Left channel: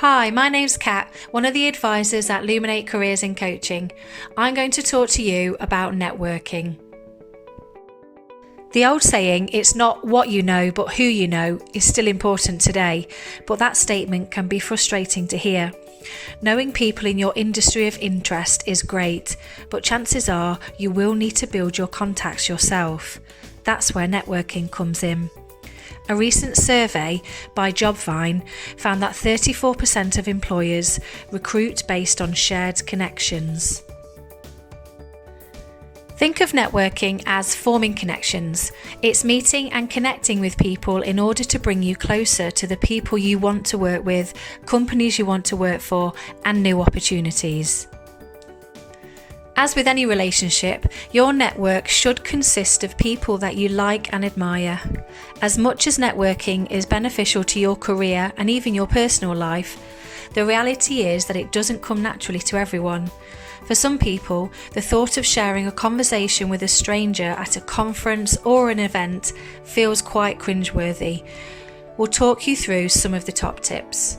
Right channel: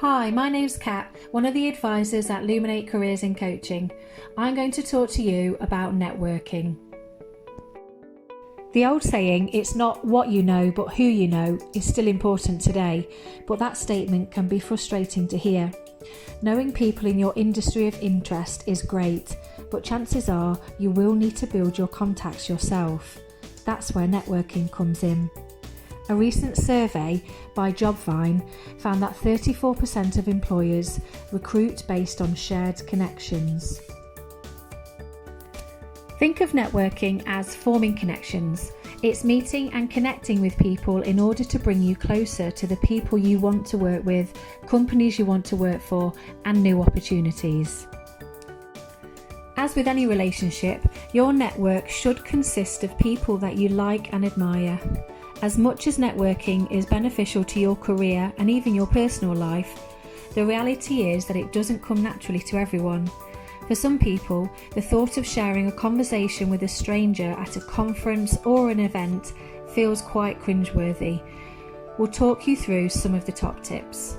Hi, my name's Kat, one of the advisors at Luminate Careers in Coaching. I'm going to talk to you about networking. The old saying, it's not what you know but who you know, is still important today, but that statement can be frustrating to hear. Knowing people in your industry of interest is great, but chances are you will need to build your contacts yourself. That's where networking comes in. A recent survey by Jobvine found that 34% of employers recruit based on shared connections. Think of networking as forming connections. It's meeting and connecting with people in order to bring you closer to the people you want to work with, companies you want to work for, and new opportunities. As with any relationship, your network should consist of people that you like and admire. As much as networking is beneficial to your career and even your personal life, the reality is that it doesn't come naturally to everyone. For some people, the thought of sharing a conversation with a stranger at a conference or an event feels quite cringeworthy. We'll talk you through some of the top tips.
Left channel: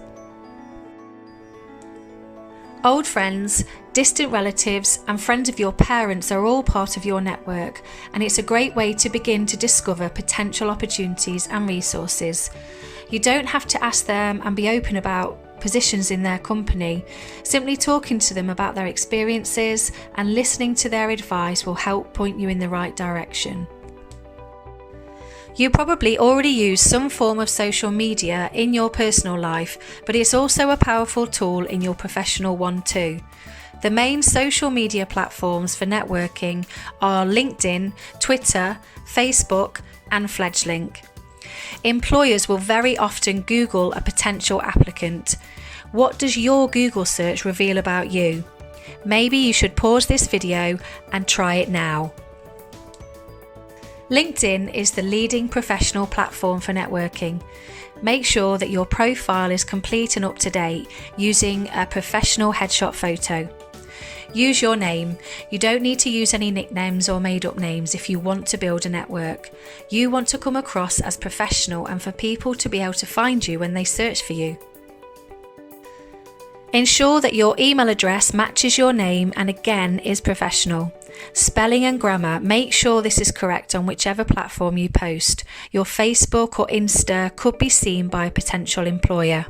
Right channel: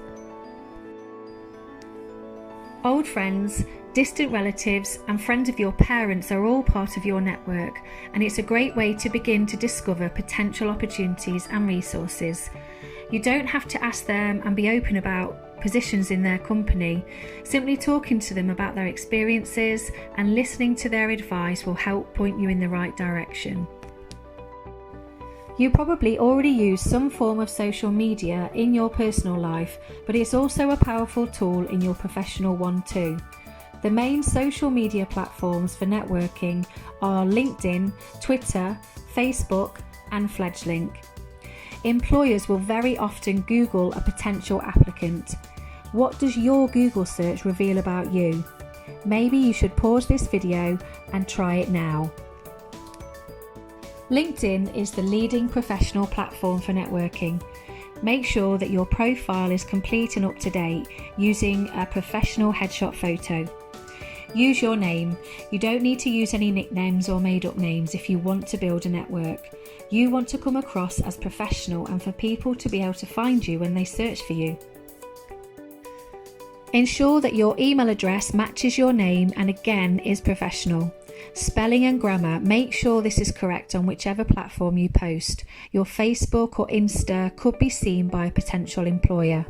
Old friends, distant relatives, and friends of your parents are all part of your network, and it's a great way to begin to discover potential opportunities and resources. You don't have to ask them and be open about positions in their company. Simply talking to them about their experiences and listening to their advice will help point you in the right direction. You probably already use some form of social media in your personal life, but it's also a powerful tool in your professional one too. The main social media platforms for networking are LinkedIn, Twitter, Facebook, and FledgeLink. Employers will very often Google a potential applicant. What does your Google search reveal about you? Maybe you should pause this video and try it now. LinkedIn is the leading professional platform for networking. Make sure that your profile is complete and up to date using a professional headshot photo. Use your name. You don't need to use any nicknames or made-up names if you want to build a network. You want to come across as professional and for people to be able to find you when they search for you. Ensure that your email address matches your name and again is professional. Spelling and grammar, make sure this is correct on whichever platform you post. Your Facebook or Insta could be seen by a potential employer.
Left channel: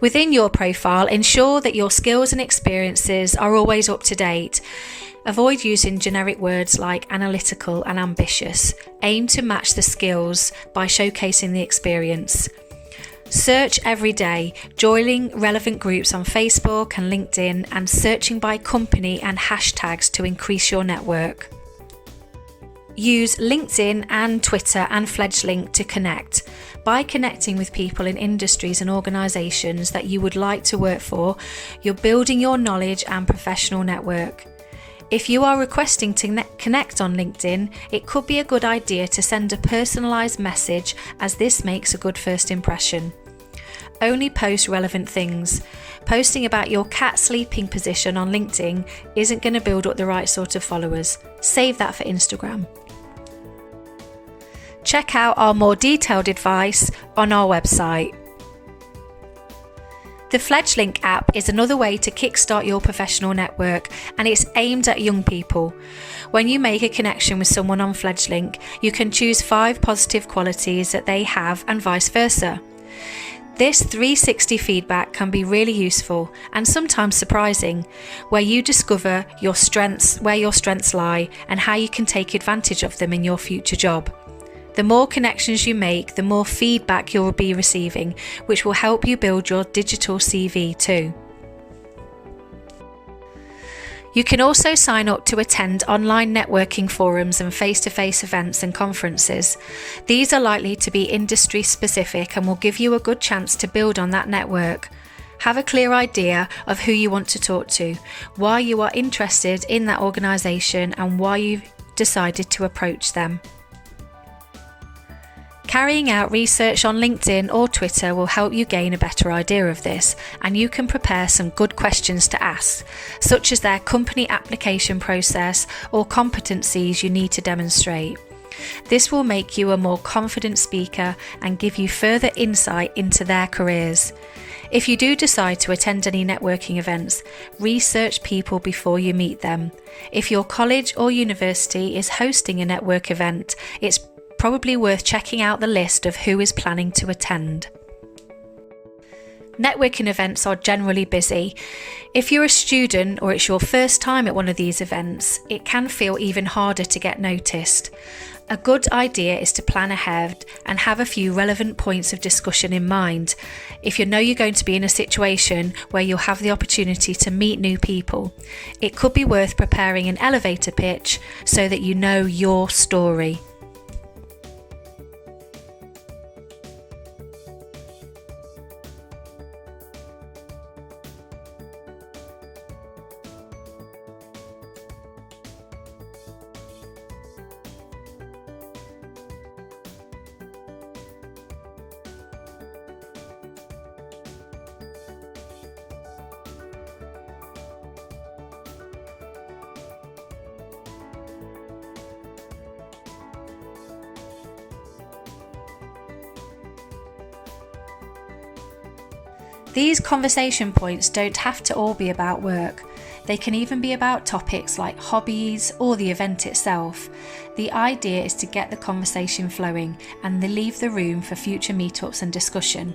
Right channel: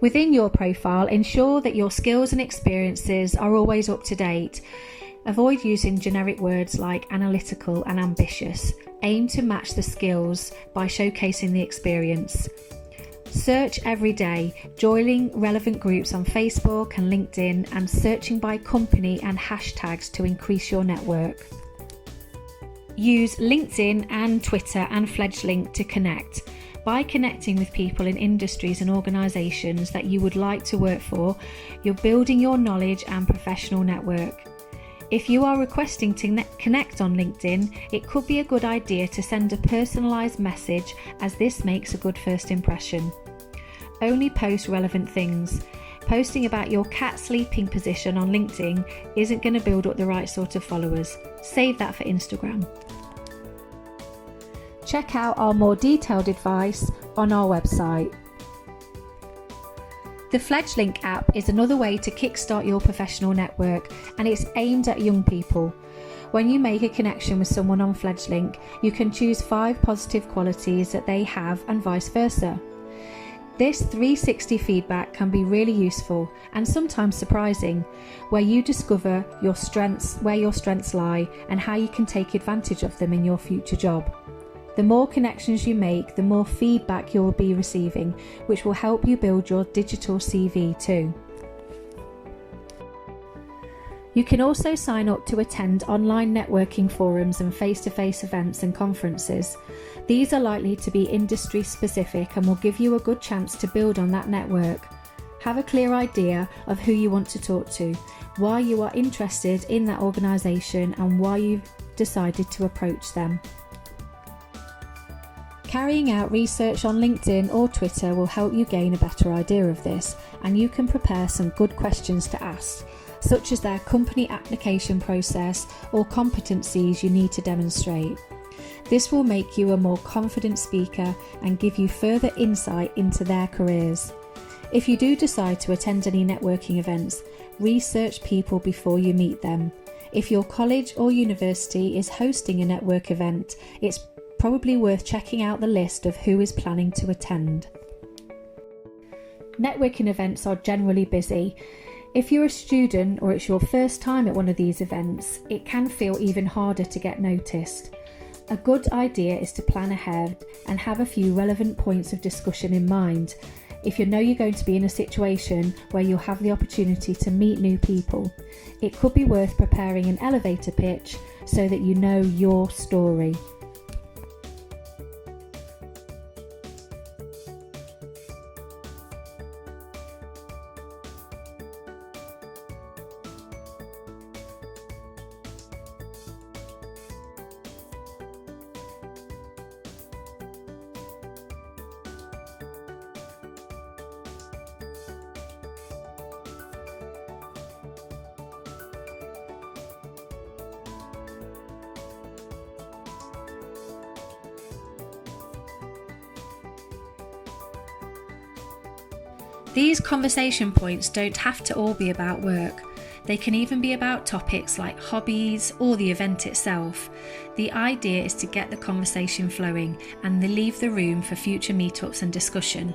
Within your profile, ensure that your skills and experiences are always up to date. Avoid using generic words like analytical and ambitious. Aim to match the skills by showcasing the experience. Search every day, joining relevant groups on Facebook and LinkedIn, and searching by company and hashtags to increase your network. Use LinkedIn and Twitter and FledgeLink to connect. By connecting with people in industries and organisations that you would like to work for, you're building your knowledge and professional network. If you are requesting to connect on LinkedIn, it could be a good idea to send a personalised message, as this makes a good first impression. Only post relevant things. Posting about your cat sleeping position on LinkedIn isn't going to build up the right sort of followers. Save that for Instagram. Check out our more detailed advice on our website. The FledgeLink app is another way to kickstart your professional network, and it's aimed at young people. When you make a connection with someone on FledgeLink, you can choose 5 positive qualities that they have and vice versa. This 360 feedback can be really useful and sometimes surprising, where you discover where your strengths lie and how you can take advantage of them in your future job. The more connections you make, the more feedback you'll be receiving, which will help you build your digital CV too. You can also sign up to attend online networking forums and face-to-face events and conferences. These are likely to be industry specific and will give you a good chance to build on that network. Have a clear idea of who you want to talk to, why you are interested in that organisation, and why you've decided to approach them. Carrying out research on LinkedIn or Twitter will help you gain a better idea of this, and you can prepare some good questions to ask, such as their company application process or competencies you need to demonstrate. This will make you a more confident speaker and give you further insight into their careers. If you do decide to attend any networking events, research people before you meet them. If your college or university is hosting a network event, it's probably worth checking out the list of who is planning to attend. Networking events are generally busy. If you're a student or it's your first time at one of these events, it can feel even harder to get noticed. A good idea is to plan ahead and have a few relevant points of discussion in mind. If you know you're going to be in a situation where you'll have the opportunity to meet new people, it could be worth preparing an elevator pitch so that you know your story. These conversation points don't have to all be about work. They can even be about topics like hobbies or the event itself. The idea is to get the conversation flowing and leave the room for future meetups and discussion.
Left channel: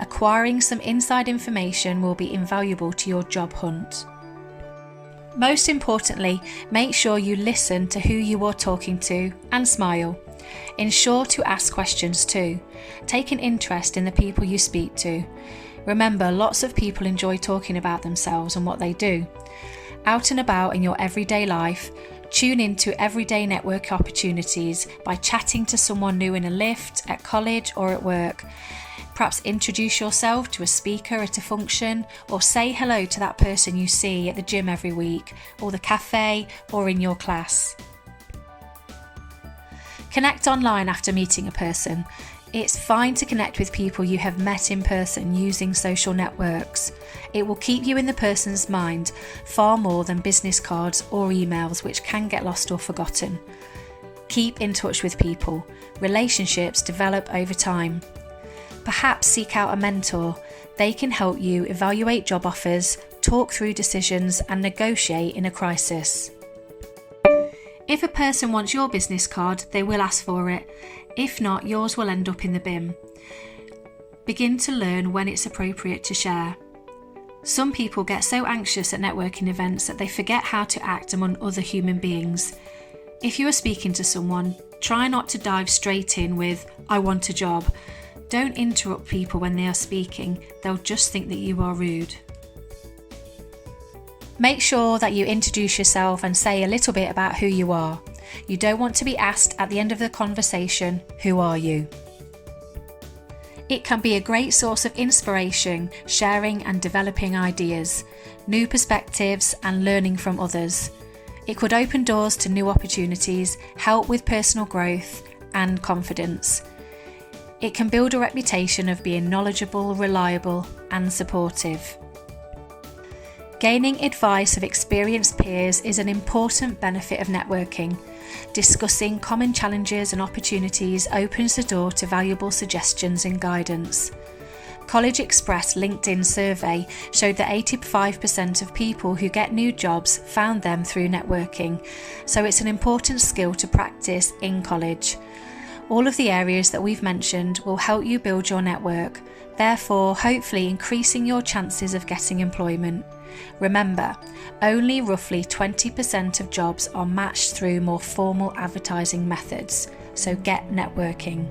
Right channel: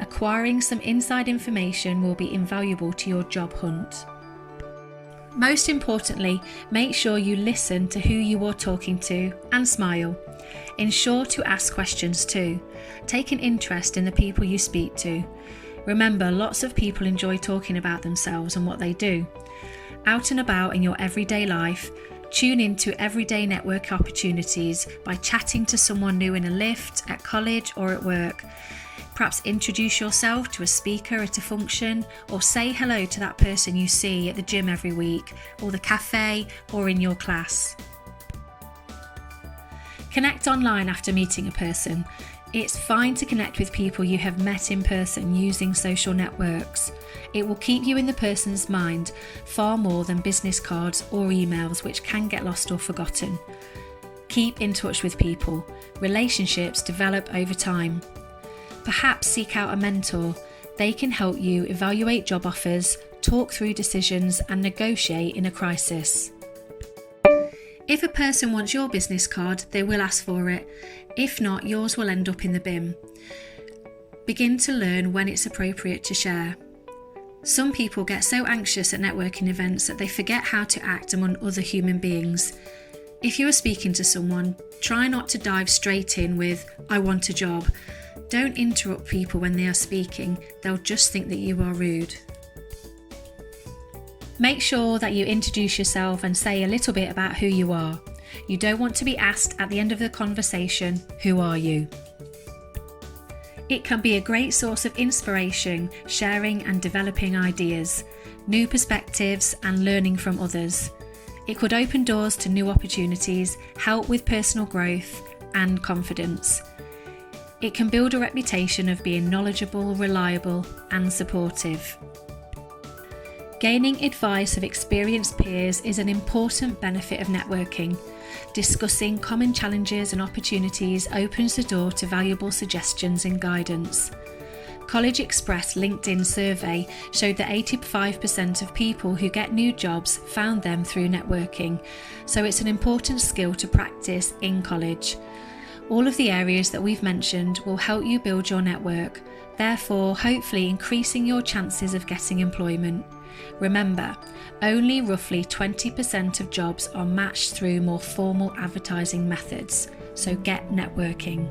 Acquiring some inside information will be invaluable to your job hunt. Most importantly, make sure you listen to who you are talking to and smile. Ensure to ask questions too. Take an interest in the people you speak to. Remember, lots of people enjoy talking about themselves and what they do. Out and about in your everyday life, tune into everyday network opportunities by chatting to someone new in a lift, at college or at work. Perhaps introduce yourself to a speaker at a function, or say hello to that person you see at the gym every week, or the cafe, or in your class. Connect online after meeting a person. It's fine to connect with people you have met in person using social networks. It will keep you in the person's mind far more than business cards or emails, which can get lost or forgotten. Keep in touch with people. Relationships develop over time. Perhaps seek out a mentor. They can help you evaluate job offers, talk through decisions, and negotiate in a crisis. If a person wants your business card, they will ask for it. If not, yours will end up in the bin. Begin to learn when it's appropriate to share. Some people get so anxious at networking events that they forget how to act among other human beings. If you are speaking to someone, try not to dive straight in with, "I want a job." Don't interrupt people when they are speaking. They'll just think that you are rude. Make sure that you introduce yourself and say a little bit about who you are. You don't want to be asked at the end of the conversation, "Who are you?" It can be a great source of inspiration, sharing and developing ideas, new perspectives and learning from others. It could open doors to new opportunities, help with personal growth and confidence. It can build a reputation of being knowledgeable, reliable and supportive. Gaining advice of experienced peers is an important benefit of networking. Discussing common challenges and opportunities opens the door to valuable suggestions and guidance. College Express LinkedIn survey showed that 85% of people who get new jobs found them through networking, so it's an important skill to practice in college. All of the areas that we've mentioned will help you build your network, therefore hopefully increasing your chances of getting employment. Remember, only roughly 20% of jobs are matched through more formal advertising methods, so get networking.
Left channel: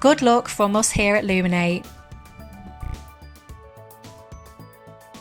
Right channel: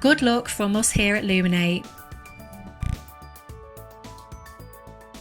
Good luck from us here at Luminate.